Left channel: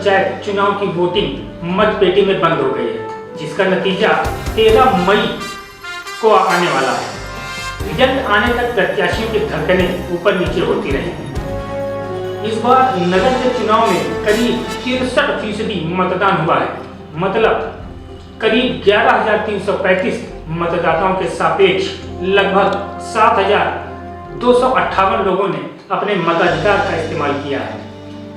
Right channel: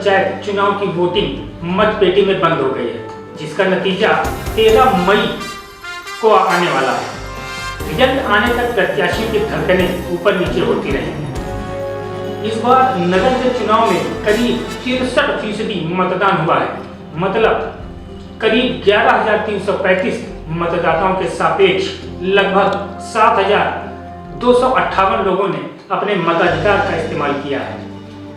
पंचायत चुनाव की वोटिंग मतपेटी में बंद हो गई है, जिसका नतीजा 13 मई को आने वाला है। रिजल्ट आने तक प्रत्याशियों की धड़कनें ऊपर नीचे होती रहेंगी। इस बार नगर के चुनाव में करीब 63% मतदान हुआ है, मतलब करीब 11,335 मतदाताओं के सापेक्ष लगभग 7,258 लोगों ने अपने मताधिकार का इस्तेमाल किया है।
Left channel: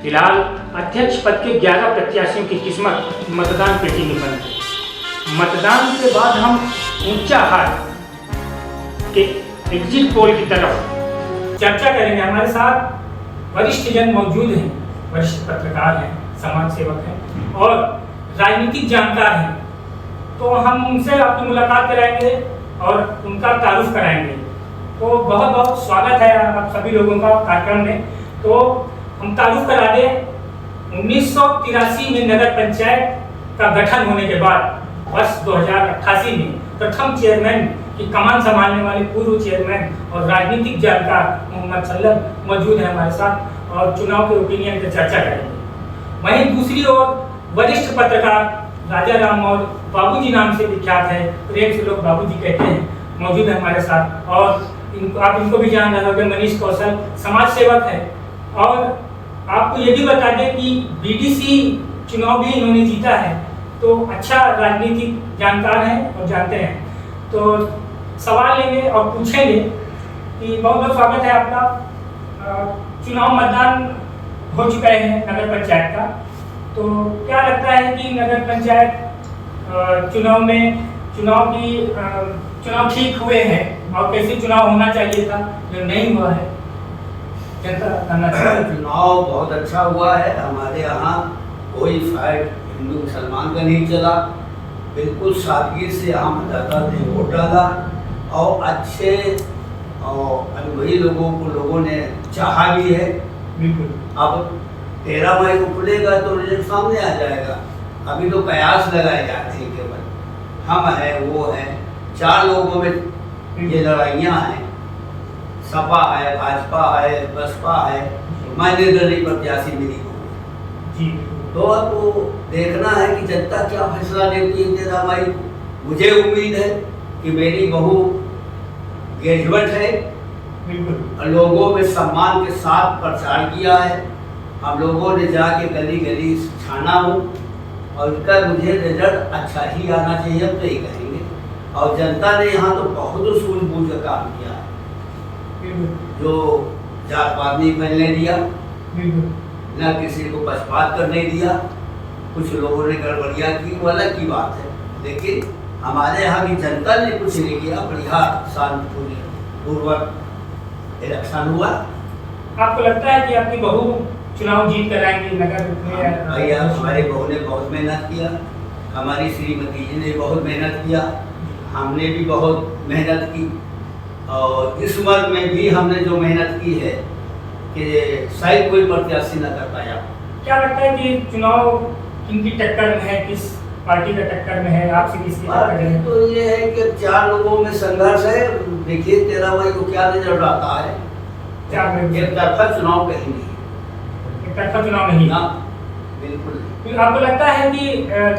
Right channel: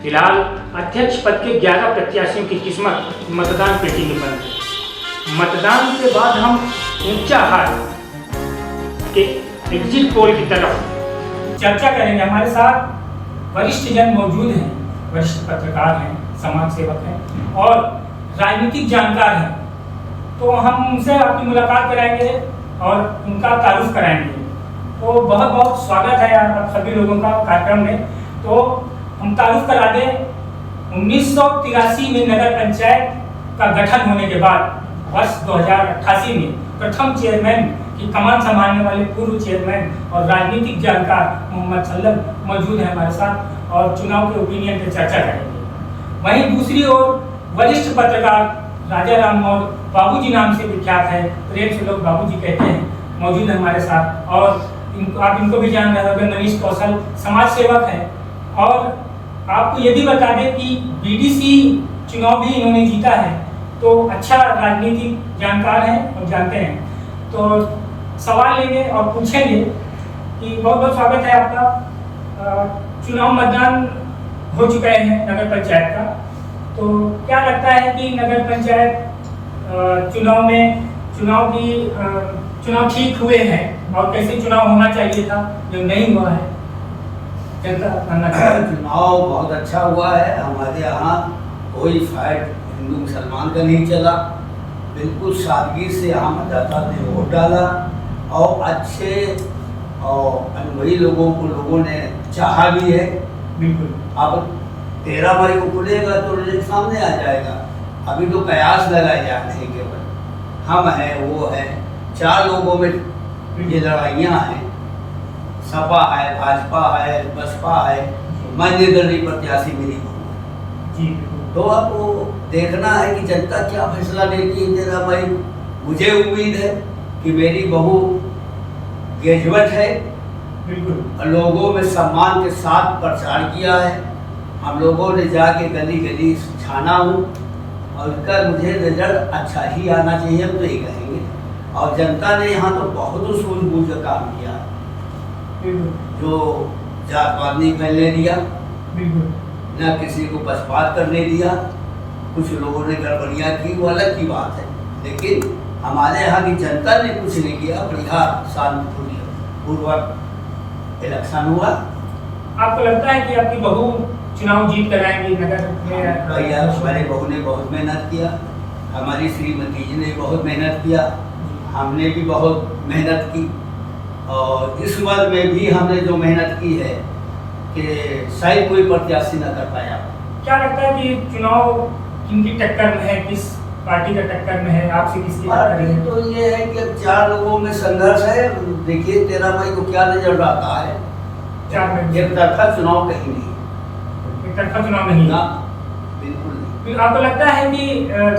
फिलहाल अध्यक्ष पद के 11 प्रत्याशियों की किस्मत मतदान पेटी में बंद है। मतदान के बाद हम ऊंचाहार के एग्जिट पोल की तरफ चर्चा करेंगे। हमारे साथ वरिष्ठ जन मौजूद हैं, वरिष्ठ पत्रकार हैं, समाज सेवक हैं और राजनीतिक जानकार हैं। तो हम उनसे अपनी मुलाकात कराएंगे और उनका तारुफ कराएंगे। तो बहुत बहुत स्वागत है आप सभी लोगों का कार्यक्रम में। तो हम तारुफ करा दें, 1983 में नगर पंचायत का गठन होने के बाद वर्ष 2088 में प्रथम चेयरमैन की कमान संभालने वाले पूर्व चेयरमैन और राजनीतिक जानकार मोहम्मद सल्लम मौजूद है हमारे साथ और चुनाव के ओपिनियन पर चर्चा करेंगे। वहीं दूसरी ओर वरिष्ठ पत्रकार राजा राम मौर्य, बाबूजी नाम से विख्यात है, प्रेम से लोग बाबूजी कहते हैं, मौजूद है हमारे साथ। और आप इनको भी जान रहे होंगे, मनीष कौशल समाज सेवक है। और आपको ये भी बता दें कि बीडीसी चुनाव भी इन्होंने जीता है, तो अच्छा राजनीतिक जानकार हैं और जानते हैं। तो सवाल लेंगे और पूछेंगे कि बहुत बहुत स्वागत है आपका। चुनाव मतदान हो चुका है नगर पंचायत का, तो क्या लगता है कि नगर पंचायत चुनाव ठीक हुए हैं और कैसे चुनाव होना चाहिए था जो नहीं हुआ है? चुनाव बहुत अच्छा हुआ है। हमारे यहाँ कोई फाइट हिंदू मुसलमान का नहीं चला, बिल्कुल सादगी से यहाँ मतदाता ने वोट डाला और अच्छे और अनुभवी लोगों ने चाहा भी है। बिल्कुल। अब 13 मई को खुलेगा तो रिजल्ट सामने आ जाएगा। अभी तो कयास लगाए जाते हैं, केवल हम हैं वो है, 4 लोगों में ये लड़ाइयाँ हैं। सपा है, भाजपा है, बसपा है, मैं निर्दलीय प्रत्याशी मेरी जी। तो अब वो देखना है कि जनता क्या फैसला लेती है 13 मई। मुझे उम्मीद है कि मेरी बहू ग्रेजुएट है, बिल्कुल, और लोगों में सम्मान के साथ प्रचार किया है। हम लोगों ने जाके गली गली छाना हूँ और उसका मुझे रिजल्ट अच्छा ही आना चाहिए, हम तो ये कहेंगे। और जनता ने यहाँ तो बहुत सूझबूझ का काम किया है, जो जात पात नहीं फैलने दिया, न किसी को पक्षपात करने दिया। कुछ लोगों ने गड़बड़ियाँ की, वो अलग की बात है, लेकिन हमारे यहाँ की जनता ने कुछ नहीं किया। बढ़िया शांतिपूर्वक इलेक्शन हुआ। आपको लगता है कि आपकी बहू चुनाव जीत कर आएंगी नगर में? भैया, हमारे बहू ने बहुत मेहनत किया, हमारी श्रीमती जी ने बहुत मेहनत किया, हमने भी बहुत मेहनत की और इस उम्र में भी हमने जो मेहनत की है कि शायद कोई प्रत्याशी न कर पाया। क्या लगता है कि चुनाव किनकी टक्कर में है, किस पार्टी का टक्कर में है, आपसे किसकी टक्कर है? तो ये है कि अब 4 लोगों में संघर्ष है। देखिए 13 मई को क्या रिजल्ट आता है। एक तरफा चुनाव कहीं नहीं, एक तरफा चुनाव नहीं ना, बिल्कुल नहीं। आपको लगता है कि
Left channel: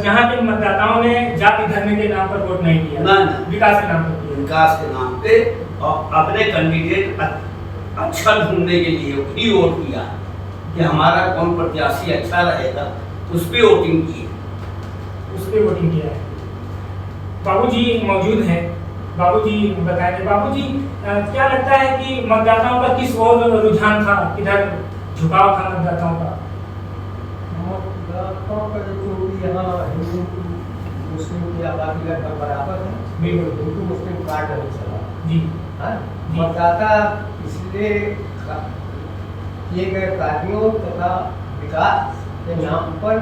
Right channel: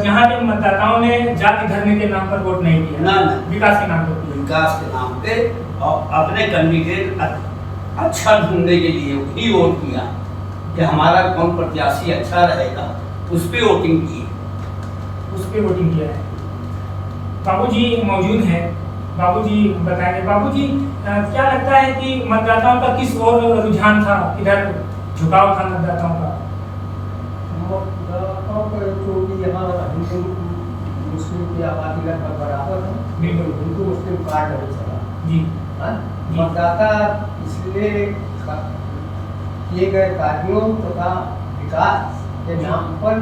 जहाँ पे मतदाताओं ने जाति धर्म के नाम पर वोट नहीं दिया, ना, विकास के नाम पर, विकास के नाम पे और अपने कैंडिडेट अच्छा ढूंढने के लिए ही वोट किया कि हमारा कौन प्रत्याशी अच्छा रहेगा, उस पर वोटिंग की, उस पर वोटिंग किया है। बाबूजी मौजूद हैं, बाबूजी बताएंगे। बाबूजी, क्या लगता है कि मतदाताओं का किस ओर रुझान था, किधर झुकाव था मतदाताओं का? मतदाताओं का क्योंकि यहाँ हिंदू मुस्लिम की आबादी लगभग बराबर है, बिल्कुल, हिंदू मुस्लिम कार्ड है चला जी। मतदाता इसलिए किए गए कार्यों तथा विकास के नाम पर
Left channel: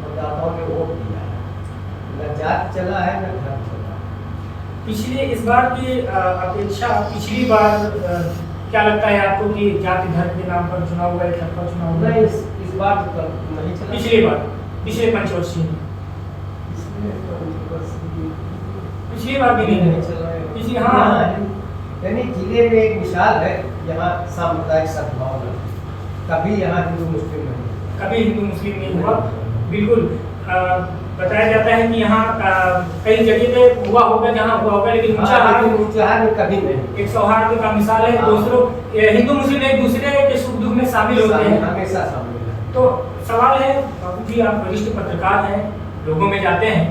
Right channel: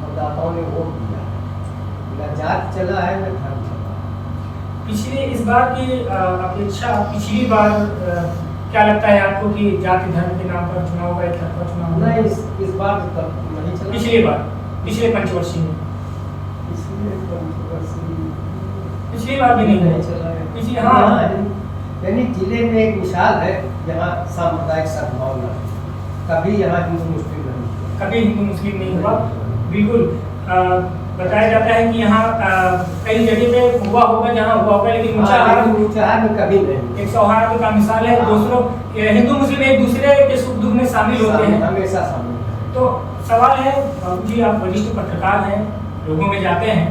मतदाताओं ने वोट दिया। न जात चला है न धर्म चला। पिछले इस बार की अपेक्षा पिछली बार क्या लगता है आपको कि जाति धर्म के नाम पर चुनाव हुआ, एकतरफा चुनाव हुआ? नहीं, इस बार तो नहीं चला। पिछली बार, पिछले पंचवर्षीय में, पिछली बार भी नहीं चला है। पिछली, हाँ, यानी जिले में एक मिसाल है, यहाँ सामुदायिक सद्भावना, कभी यहाँ हिंदू मुस्लिम नहीं, कभी हिंदू मुस्लिम नहीं हुआ। बिल्कुल। बताया जाता है कि यहाँ कई जगह पे हुआ होगा, जहाँ हुआ होगा, लेकिन ऊंचाहार में कभी नहीं। एक सौहार्द का मिसाल है। हाँ। दूसरों हिंदू मुस्लिम एक दूसरे के सुख दुख में शामिल होते हैं। हमेशा शामिल। तो सवाल है, बाबू जी आप वरिष्ठ पत्रकार हैं, लोगों में जाते हैं,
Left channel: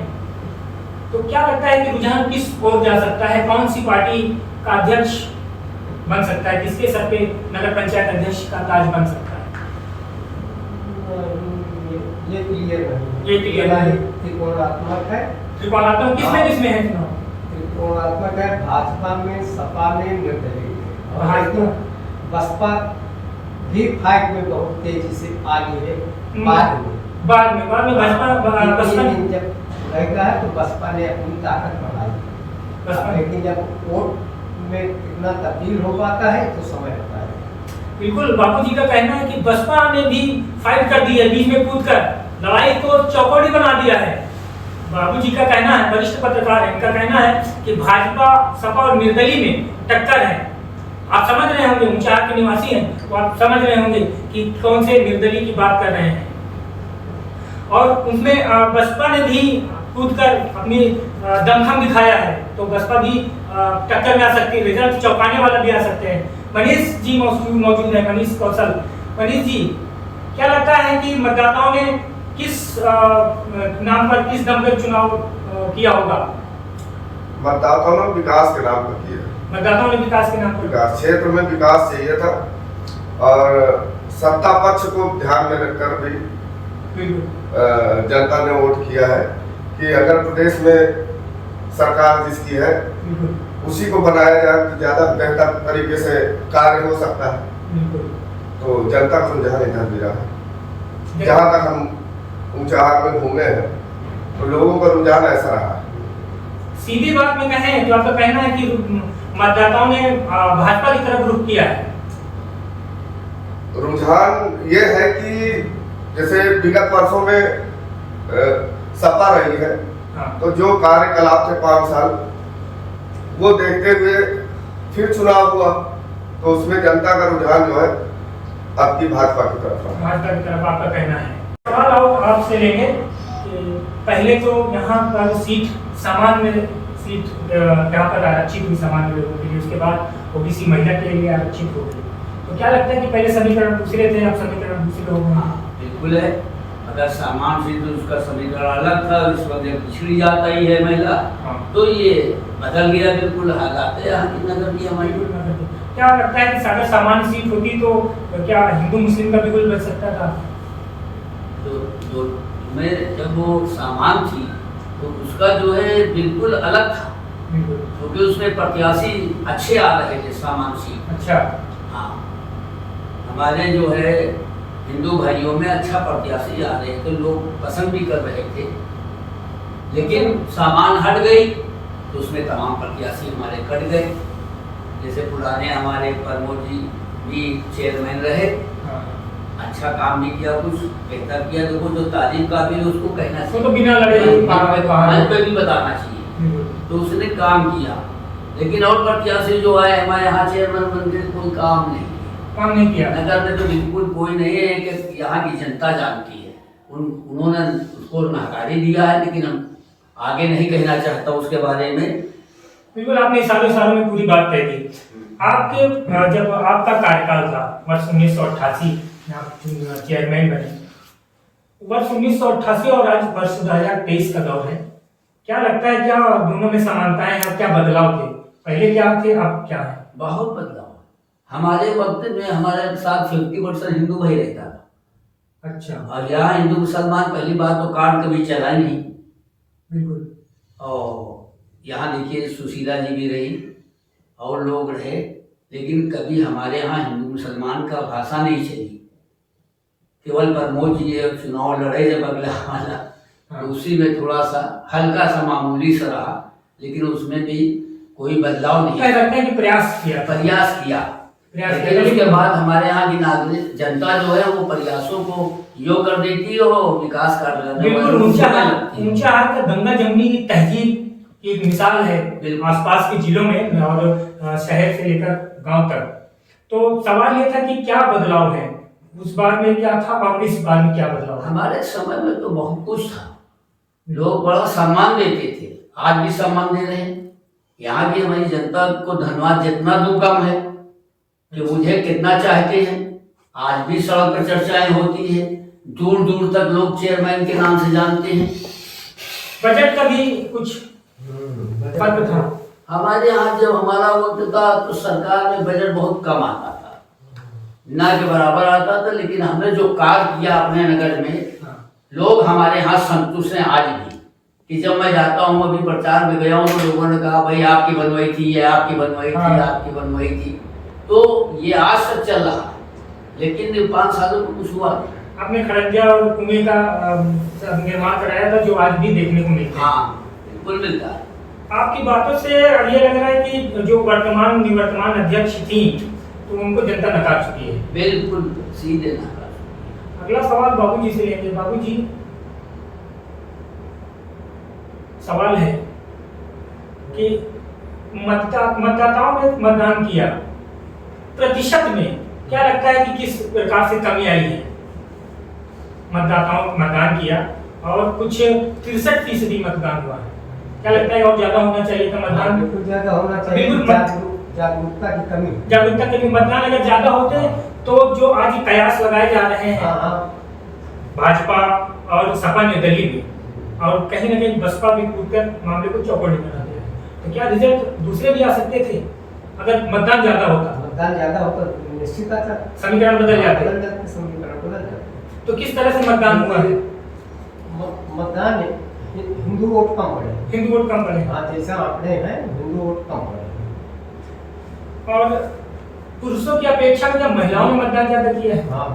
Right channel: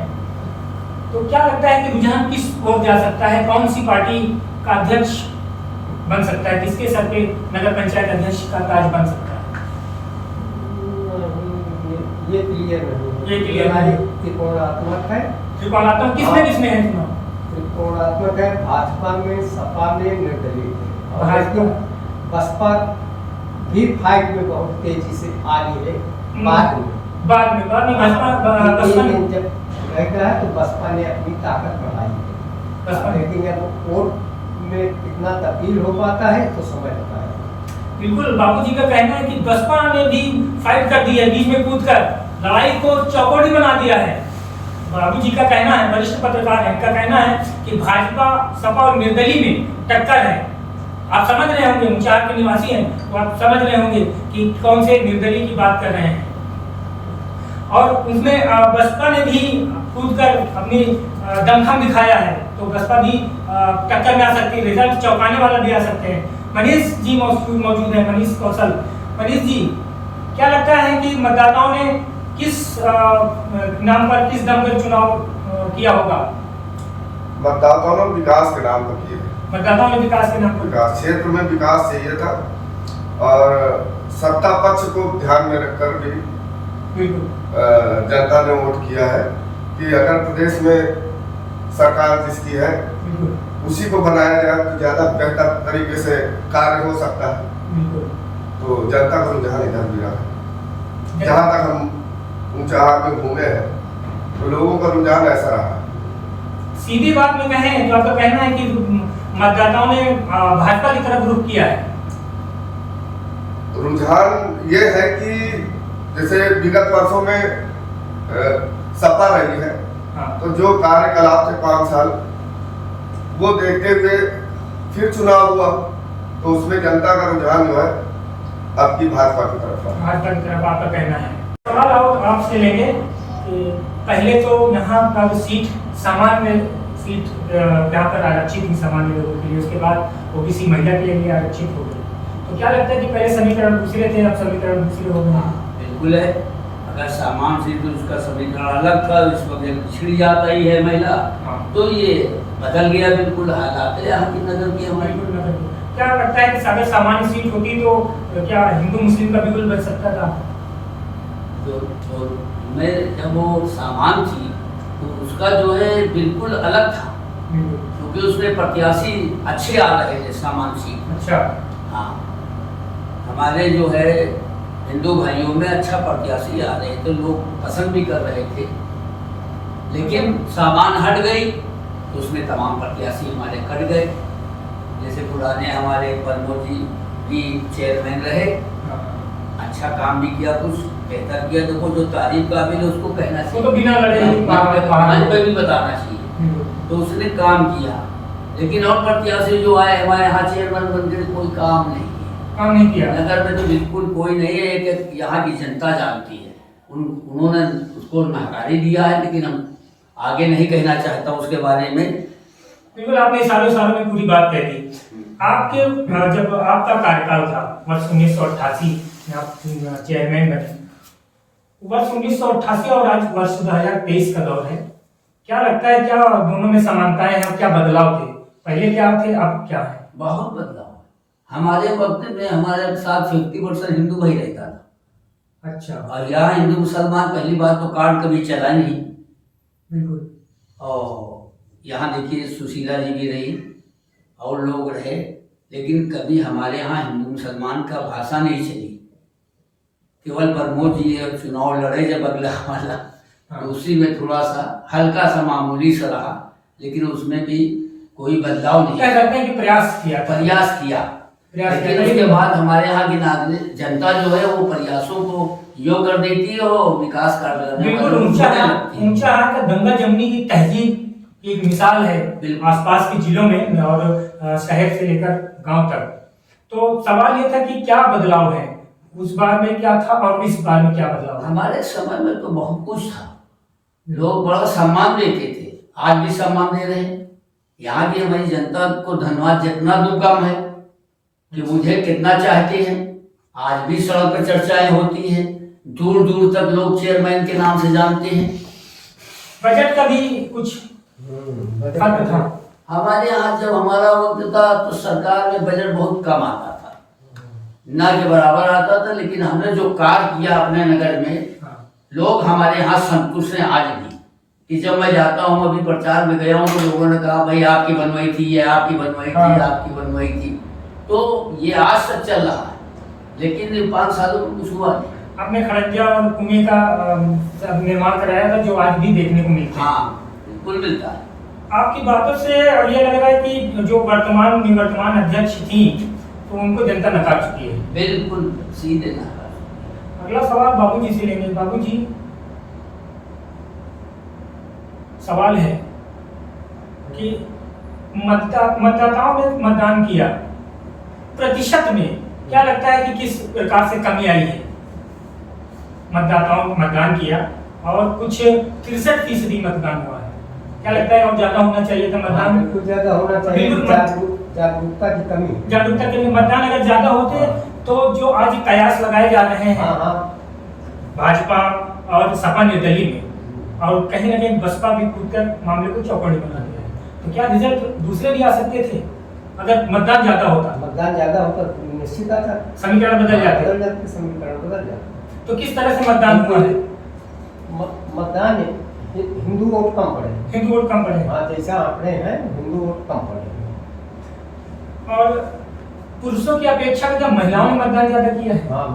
तो क्या लगता है कि रुझान किस ओर जा सकता है? कौन सी पार्टी का अध्यक्ष बन सकता है? किसके सर पे नगर पंचायत अध्यक्ष का ताज बन सकता है? ये क्लियर नहीं। ये क्लियर नहीं। त्रिकोणात्मक है। त्रिकोणात्मक किसमें है चुनाव? त्रिकोणात्मक है, भाजपा में, सपा में, निर्दलीय में। और भाजपा बसपा भी फाइट में बहुत तेजी से आ रही है। बाद में बसपा ने जब रहेगा तो बसपा ने अपनी ताकत बढ़ाई, लेकिन जब वोट में कितना तब्दील हो पाता है तो समय बताएगा। बिल्कुल, बाबूजी का कहना है कि बसपा ने भी फाइट कर दी है, बीच में कूदकर लड़ाई को चौकड़ी बना दिया है। बाबूजी का कहना है, वरिष्ठ पत्रकार है, इनका कहना है कि भाजपा, सपा और निर्दलीय में टक्कर है। आप समझ रहे होंगे, ऊंचाहार के निवासी हैं तो आप समझ रहे होंगे कि कौन से निर्दलीय की बात कर रहे हैं। और उसमें बसपा ने भी कूदकर अपनी दमखम दिखाया है, तो बसपा भी टक्कर में आ सकती है, रिजल्ट चौंकाने वाला भी आ सकते हैं। मनीष जी मौजूद है, मनीष कौशल। मनीष जी, क्या लगता है कि मतदाताओं ने किस नाम पर, किस दम पर चुनाव किया होगा? मतदाताओं ने विकास के नाम पर किया। मतदाताओं ने विकास के नाम पर, विकास क्षेत्र में विकास चाहिए था, और सत्ता पक्ष को ध्यान में रखकर भी जनता ने वोट किया है कि अगर प्रदेश में सरकार जिसकी है उसी को बनाया जाए तो ज्यादा बेहतर तरीके से कार्य हो सकता है। तो जनता का रुझान इधर भी रहा है। जहाँ तक हम ऊंचाहार में घूमे हैं तो लोगों का रुझान ऐसा रहा। सीधी बात में कहें तो आपका कहना है कि मतदाताओं ने भाजपा की तरफ रुख किया है। रुझान ये है कि जैसे विगत वर्षों में सपा रही है, हाँ। तो जो कार्यकलाप थे 5 साल वो देखते हुए फिर चुनाव हुआ, तो उसमें जनता का रुझान जो है आपकी भाजपा की तरफ है। भाजपा की तरफ आपका कहना है। सवाल और आपसे लेंगे कि पहले तो यहाँ पर सीट सामान्य सीट यहाँ पर आरक्षित थी सामान्य लोगों के लिए, उसके बाद ओबीसी महिला के लिए आरक्षित हो गई। तो क्या लगता है कि पहले समीकरण दूसरे थे, अब समीकरण दूसरे हो गए? बिल्कुल है। अगर सामान्य से तो उसका समीकरण अलग था, इस वक्त जब पिछड़ी जाता ही है महिला, तो ये बदल गया बिल्कुल हालात है यहाँ की नगर की, हमारी नगर की। क्या लगता है कि अगर सामान्य सीट होती तो क्या हिंदू मुस्लिम का बिल्कुल बच सकता था? तो मैं जब वो सामान थी तो उसका जो है बिल्कुल अलग था, क्योंकि उसमें प्रत्याशी अच्छे आ रहे थे सामान सीट। अच्छा, हाँ, हमारे जो है हिंदू भाइयों में अच्छा प्रत्याशी आ रहे थे, लोग पसंद भी कर रहे थे। लेकिन सामान हट गई तो उसमें तमाम प्रत्याशी हमारे कट गए। जैसे पुराने हमारे प्रमोद जी भी चेयरमैन रहे, अच्छा काम भी किया, कुछ बेहतर किया, देखो जो तारीफ काबिल है उसको कहना चाहिए, वो तो बिना लड़े मंच पे भी बताना चाहिए। तो उसने काम किया, लेकिन और प्रत्याशी जो आए हमारे यहाँ चेयरमैन बन गए, कोई काम नहीं किया। नगर में तो बिल्कुल कोई नहीं है, एक यहाँ की जनता जानती है, उन्होंने उसको नकारी दिया है, लेकिन हम आगे नहीं कहना चाहता उसके बारे में। बिल्कुल, आपने सालों में पूरी बात कह दी। आपके जब आपका कार्यकाल था वर्ष 1988 आप चेयरमैन बने, वर्ष 1988 और आज वर्ष 2023 का दौर है, क्या लगता है क्या दोनों में समानताएं हैं, क्या बदलाव थे? पहले क्या थे, अब क्या है? बहुत बदलाव। हमारे वक्त में हमारे साथ 50% हिंदू भाई रहता था। अच्छा। और यहाँ हिंदू मुसलमान पहली बात तो कार्ड कभी चला नहीं। बिल्कुल। और यहाँ देखिए सुशीला जी भी रही और लोग रहे, लेकिन कभी हमारे यहाँ हिंदू मुसलमान का भाषा नहीं चली। केवल प्रमोद जी चुनाव लड़े जब अगला वाला, तो उसी में थोड़ा सा हल्का सा मामूली सा रहा, लेकिन उसमें भी कोई बदलाव नहीं। कह सकते हैं कि प्रयास किया। लेकिन उसके बाद हमारे यहाँ की नागरिक जनता जो है वो प्रयासों को यो कर देती है और विकास कर बिल्कुल। ऊंचाहार का गंगा जमुनी की तहजीब एक मिसाल है आसपास के जिलों में और शहर से लेकर गांव तक। तो सवाल ये था कि क्या बदलाव है उस बार में क्या था और इस बार में क्या बदलाव है? हमारे समय में तो बहुत कुछ था, लोग बड़ा सम्मान देते थे, आज भी सम्मान दे रहे हैं। यहाँ की हमारी जनता को धन्यवाद जितना दूं कम है कि मुझे कितना चाहते हैं। आज भी सड़क पर चर्चाएं होती हैं, दूर दूर तक लोग चेयरमैन के नाम से जानते हैं। बजट का भी कुछ फर्क था। हमारे यहाँ जब हमारा वक्त था तो सरकार में बजट बहुत कम आता था, ना के बराबर आता था, लेकिन हमने जो कार्य किया अपने नगर में, लोग हमारे यहाँ संतुष्ट हैं आज भी। कि जब मैं जाता हूँ, अभी प्रचार में गया हूँ, तो लोगों ने कहा भाई आपकी बनवाई थी, ये आपकी बनवाई थी, आपकी बनवाई थी। तो ये आज तक चल रहा है, लेकिन 5 सालों में कुछ हुआ नहीं। आपने खड़ंजा और कुएं का निर्माण कराया था, जो आज भी देखने को मिलता है। हाँ, बिल्कुल मिलता है। आपकी बातों से ये लग रहा है कि जो निवर्तमान अध्यक्ष थी, तो उनको जनता नकार चुकी है। बिल्कुल सीधे नकार। अगला सवाल बाबूजी से लेंगे। बाबूजी, सवाल है कि मतदाताओं ने मतदान किया, प्रतिशत में क्या लगता है कि किस प्रकार से कमी आई है? मतदाताओं ने मतदान किया और कुछ 63% मतदान हुआ है, क्या लगता है और ज्यादा होना चाहिए था मतदान? बिल्कुल ज्यादा होना चाहिए। जागरूकता की कमी, जागरूकता के लिए मतदान अगर ज्यादा होते तो जो आज कयास लगाए जा रहे हैं भाजपा और सपा निर्दलीय में, और कहीं ना कहीं बसपा भी कूदकर मामले को चौकड़ी बनाते हैं, तो क्या रिजल्ट दूसरे भी आ सकते थे अगर मतदान ज्यादा होता? मतदान ज्यादा होता तो निश्चित आता, समीकरण बदल जाते। समीकरण बदल जाते। तो किस तरह से मतदान हुआ है? मतदान हिंदू वोट कम पड़े, हिंदू वोट कम पड़े। हाँ, जैसा आंकड़े हैं हिंदू वोट कम पड़े। और पुरुषों की अपेक्षा में जब महिलाओं ने मतदान ज्यादा किया है। हाँ,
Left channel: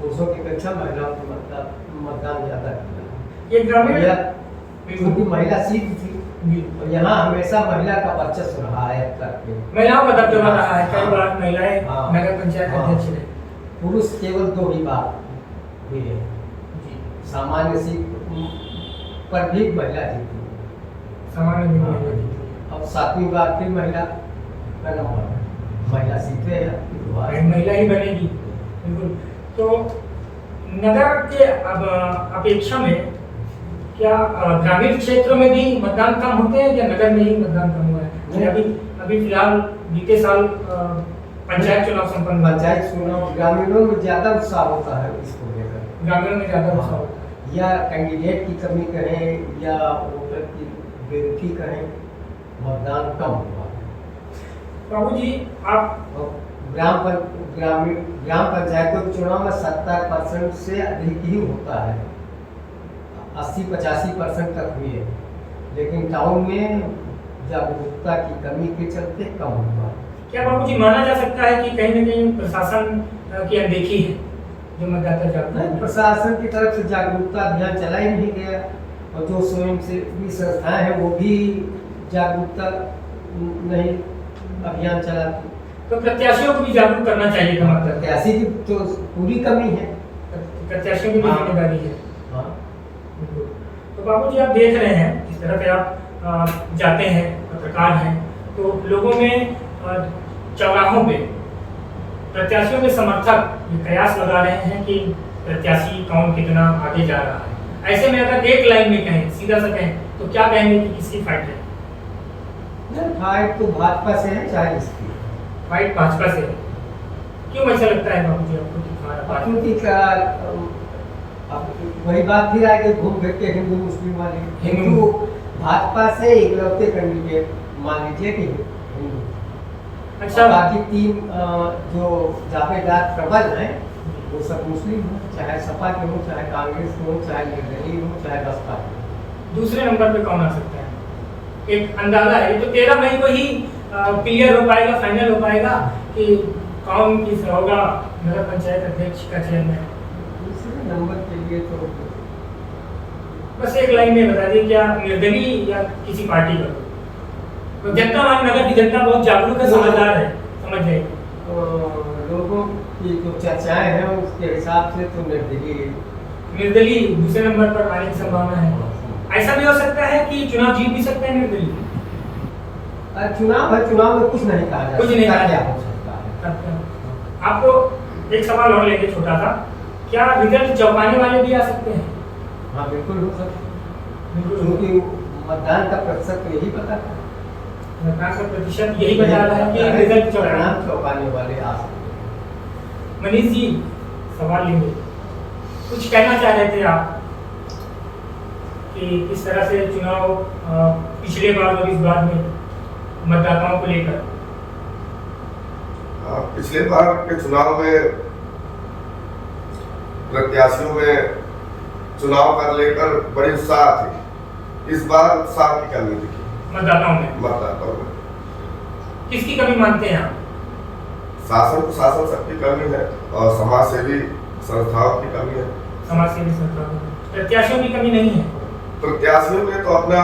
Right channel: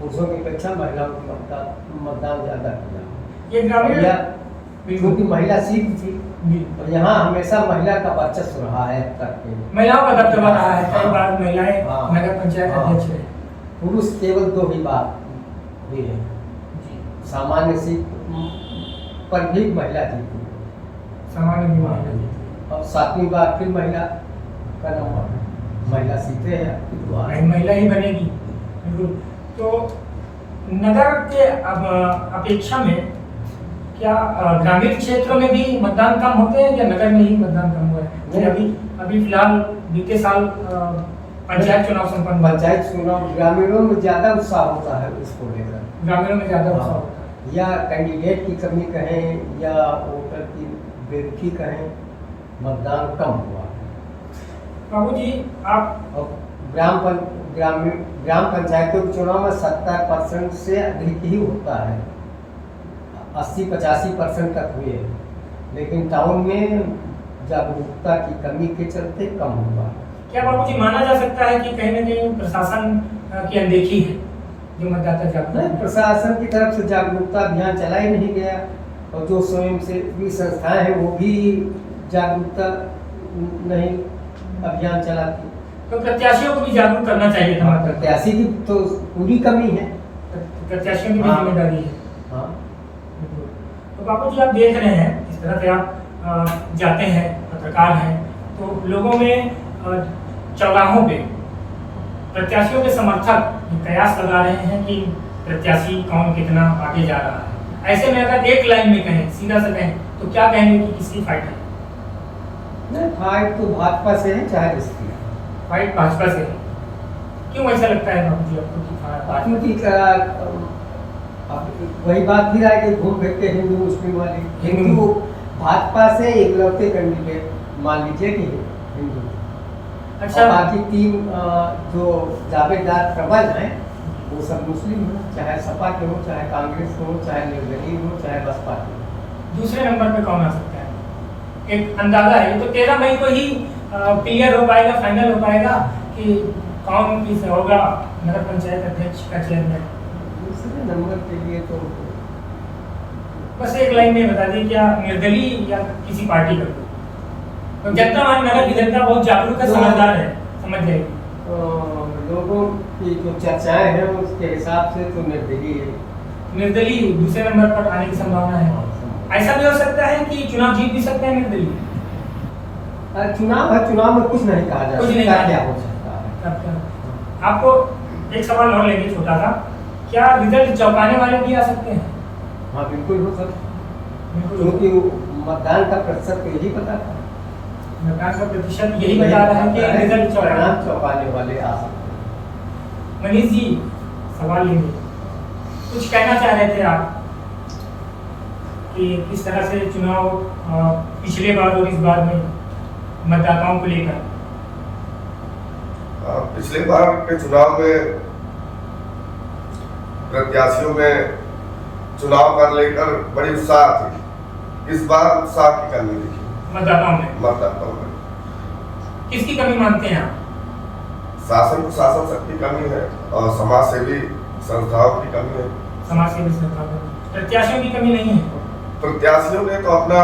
पुरुषों की अपेक्षा महिलाओं की मतदान ज्यादा किया। ये ग्रामीण क्योंकि महिला सीट थी और यहाँ हमेशा महिला का वर्चस्व रहा है अब तक के। महिलाओं का दबदबा रहा है, कई बार महिलाएं नगर पंचायत अध्यक्ष रहे। पुरुष केवल 2 ही बार हुई है, सामान्य सीट पर भी महिला जीती, सामान्य भी महिला जीती। अब 7वीं बार फिर महिला का नंबर, महिला सीटें हैं, महिला ही बनेगी। बिल्कुल। तो नगर के अपेक्षा में क्या ग्रामीण क्षेत्रों में भी मतदान कम होते हैं या नगर में ही मतदान कम हुआ है? अभी फिलहाल बीते साल पंचायत चुनाव संपन्न, पंचायत चुनाव ग्रामीणों में ज्यादा उत्साह होता है इसको लेकर, ग्रामीणों में ज्यादा उत्साह होता है। या कैंडिडेट की कमी कहें या वोटर की बेरुखी कहें, मतदान कम हुआ है। बाबूजी, आप ग्राम पंचायतों के चुनाव में 70% से अधिक ही होता है, 80-85% तक हुए, लेकिन टाउन में जागरूकता की कमी के चलते कम हुआ। क्या बाबूजी माना जा सकता है कि कहीं न कहीं प्रशासन की अनदेखी है जो मतदाता जागरूक? नहीं, प्रशासन की तरफ से जागरूकता अभियान चला ही नहीं गया, और जो स्वयं सेवी संस्थाएं हैं वो भी जागरूकता नहीं अभियान चलाती। तो प्रत्याशियों को भी जागरूक करना चाहिए था। प्रत्याशी की तो पूरी कमी है, प्रत्याशियों की भी जिम्मेदारी है। हाँ। तो बाबूजी, आप देख रहे हैं इस तरह से आप जाते हैं, पत्रकार हैं, तो लोगों में चौराहों पे प्रत्याशियों के समर्थक ये कयास लगा रहे हैं कि प्रत्याशी कौन कितना आगे जा रहा है। ऐसे में अगर एक लाइन में कहें, सीधा सा कहें, तो क्या कहेंगे कि किसकी फाइट है? नहीं, फाइट तो भाजपा से है, चाहे इसकी फाइट भाजपा से है। क्यों ऐसा लगता है बाबूजी आपको कि क्योंकि अब वही बात फिर आएगी घूम फिर के हिंदू मुस्लिम वाले। हिंदू भाजपा से इकलौते कैंडिडेट मान लीजिए कि हिंदू, अच्छा, बाकी 3 जो दावेदार प्रबल हैं वो सब मुस्लिम हैं, चाहे सपा के हो, चाहे कांग्रेस के हो, चाहे निर्दलीय हो, चाहे बसपा के हो। दूसरे नंबर पे कौन आ सकता है? एक अंदाजा है, तो 13 मई को ही क्लियर हो पाएगा, फाइनल हो पाएगा कि कौन किस होगा नगर पंचायत अध्यक्ष का चेयरमैन। दूसरे नंबर के लिए तो बस एक लाइन में बता दी, क्या निर्दलीय या किसी पार्टी का? तो जनता, नगर की जनता बहुत जागरूक है, समझदार है, समझ जाएगी। लोगों की जो चर्चाएं हैं उसके हिसाब से तो निर्दलीय दूसरे नंबर पर आने की संभावना है। ऐसा भी हो सकता है कि चुनाव जीत भी सकते हैं निर्दलीय। चुनाव है, चुनाव में कुछ नहीं कहा जा कुछ नहीं सकता, कहा क्या जा हो सकता है। आपको एक सवाल और लेंगे छोटा सा, क्या रिजल्ट चौंकाने वाले भी आ सकते हैं? हाँ बिल्कुल हो सकता है, क्योंकि मतदान का प्रतिशत यही बताता है, मतदान का प्रतिशत यही बता रहा है कि रिजल्ट परिणाम चौंकाने वाले आ सकते हैं। मनीष जी, सवाल लेंगे, कुछ कहना चाह रहे थे आप कि किस तरह से चुनाव पिछले बार और इस बार में मतदाताओं को लेकर? पिछले बार के चुनाव में प्रत्याशियों में चुनाव कर लेकर बड़ी उत्साह थी। इस बार उत्साह की कमी दिखी मतदाताओं में। किसकी कमी मानते हैं आप? शासन प्रशासन सबकी कमी है और समाज सेवी संस्थाओं की कमी है। समाज सेवी संस्थाओं, प्रत्याशियों की कमी नहीं है। प्रत्याशियों ने तो अपना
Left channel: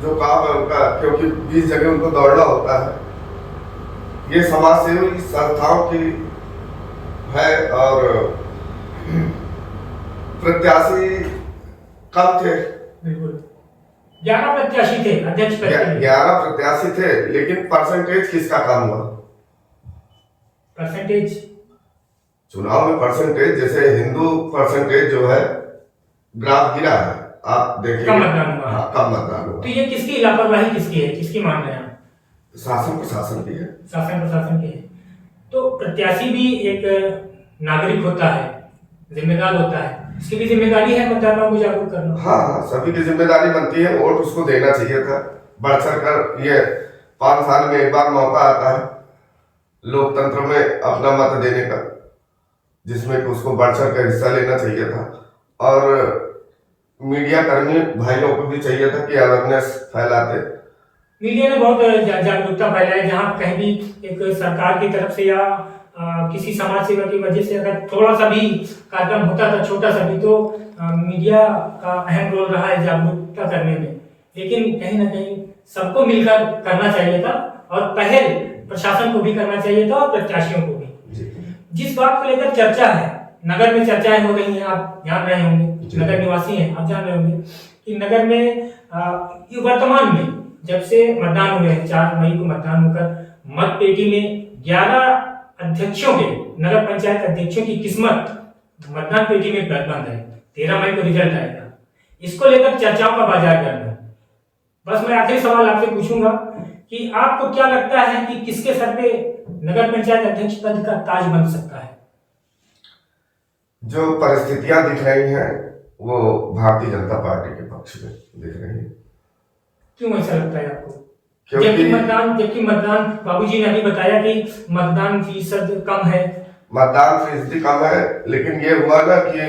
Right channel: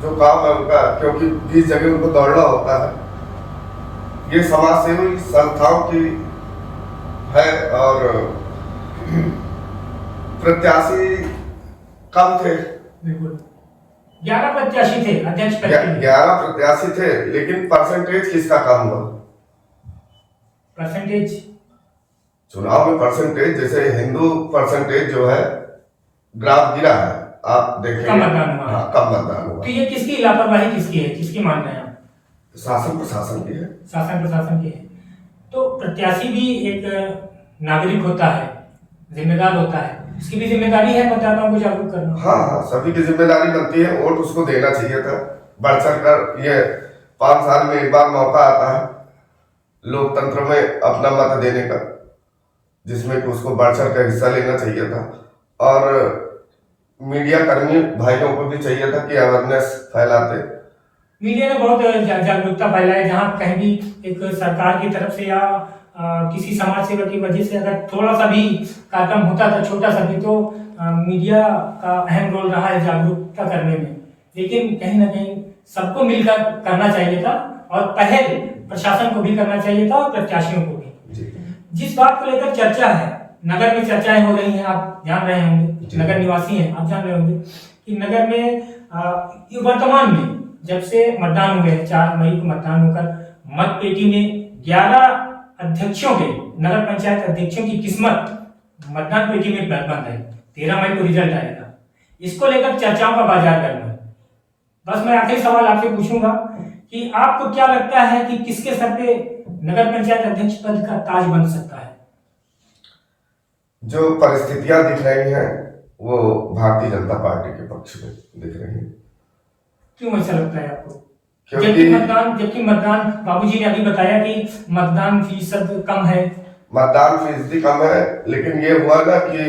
जो काम है उनका, क्योंकि 20 जगह उनको दौड़ना होता है, ये समाज सेवी संस्थाओं की है। और प्रत्याशी कम थे, बिल्कुल 11 प्रत्याशी थे अध्यक्ष पद के लिए। 11 प्रत्याशी थे, लेकिन परसेंटेज किसका कम हुआ? परसेंटेज चुनाव में परसेंटेज, जैसे हिंदू परसेंटेज जो है ग्राफ गिरा है, आप देखेंगे कम मतदान हुआ। हाँ, कम मतदान हुआ। तो ये किसकी लापरवाही किसकी है, किसकी मान रहे हैं आप? शासन प्रशासन की है। शासन प्रशासन की है। तो प्रत्याशी भी एक नागरिक होता है, जिम्मेदार होता है, उसकी भी जिम्मेदारी है मतदाताओं को जागरूक करना। हाँ, सभी की जिम्मेदारी बनती है, वोट उसको देना चाहिए था। बढ़ चढ़ कर, ये 5 साल में एक बार मौका आता है लोकतंत्र में अपना मत देने का, जिसमें उसको बढ़ चढ़ कर हिस्सा लेना चाहिए था। और मीडिया कर्मी भाइयों को भी चाहिए था कि अवेयरनेस फैलाते। मीडिया ने बहुत जागरूकता फैलाई, जहाँ कहीं भी एक सरकार की तरफ से या किसी समाज सेवा की वजह से अगर थोड़ा सा भी कार्यक्रम होता था, छोटा सा भी, तो मीडिया का अहम रोल रहा है जागरूकता करने में। लेकिन कहीं ना कहीं सबको मिलकर करना चाहिए था, और पहल प्रशासन को भी करना चाहिए था और प्रत्याशियों को भी। जिस बात को लेकर चर्चा है, नगर में चर्चाएं हो रही हैं, आप जान रहे होंगे, नगर निवासी हैं, आप जान रहे होंगे कि नगर में वर्तमान में जब से मतदान हुए, 4 मई को मतदान होकर मत पेटी में 11 अध्यक्षों के, नगर पंचायत अध्यक्षों की किस्मत मतदान पेटी में बंद है। 13 मई को रिजल्ट आएगा, इसको लेकर चर्चाओं का बाजार गर्म है। बस मैं आखिरी सवाल आपसे पूछूंगा कि आपको क्या लगता है कि किसके सर पे नगर पंचायत अध्यक्ष पद का ताज बन सकता है? जो परिस्थितियां दिख रही हैं वो भारतीय जनता पार्टी के पक्ष में दिख रही हैं। क्यों ऐसा लगता है आपको? क्योंकि जबकि मतदान बाबूजी ने अभी बताया कि मतदान फीसद कम है। मतदान फीसदी कम है, लेकिन ये हुआ ना कि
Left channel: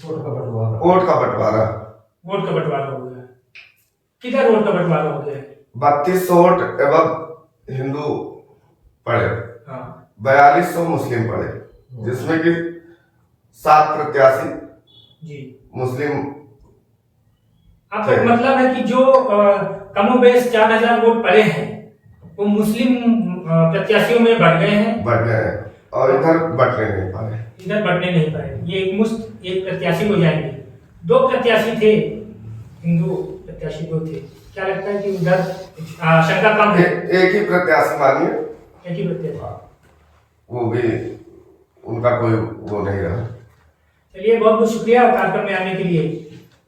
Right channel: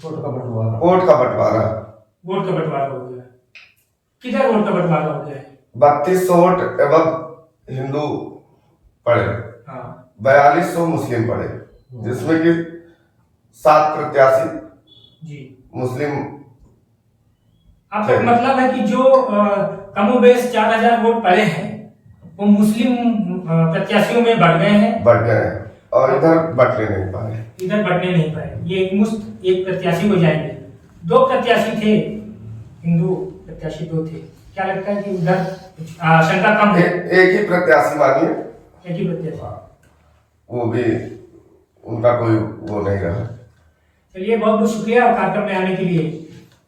वोट का बंटवारा हो गया। किधर वोट का बंटवारा हो गया है? 3200 वोट एवं हिंदू पड़े, हाँ, 4200 मुस्लिम पड़े, जिसमें कि 7 प्रत्याशी जी मुस्लिम। आपका मतलब है कि जो कमोबेश 4000 वोट पड़े हैं वो मुस्लिम प्रत्याशियों में बढ़ गए हैं और इधर बटने नहीं पाए। ये एक प्रत्याशी हो जाएंगे। 2 प्रत्याशी थे, हिंदू प्रत्याशी 2 थे। क्या लगता है कि उधर शंका कम है? एक ही प्रत्याशी मानिए, एक ही प्रत्याशी, वो भी उनका कोई वो नहीं रहा। चलिए, बहुत बहुत शुक्रिया कार्यक्रम में आने के लिए।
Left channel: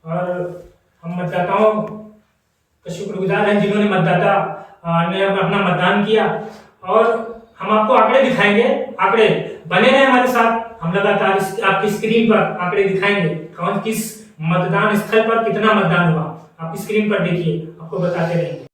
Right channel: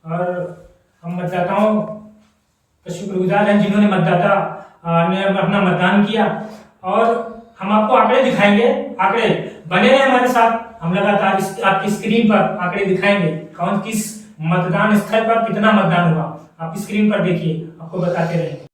और हम मतदाताओं का शुक्रगुजार हैं जिन्होंने ने अपना मतदान किया। और हम आपको आंकड़े दिखाएंगे, आंकड़े बने रहे हमारे साथ। हम लगातार आपकी स्क्रीन पर आंकड़े दिखाएंगे, कौन किस मतदान स्थल पर कितना मतदान हुआ। आप स्क्रीन पर देखिए, आपको बताते रहेंगे।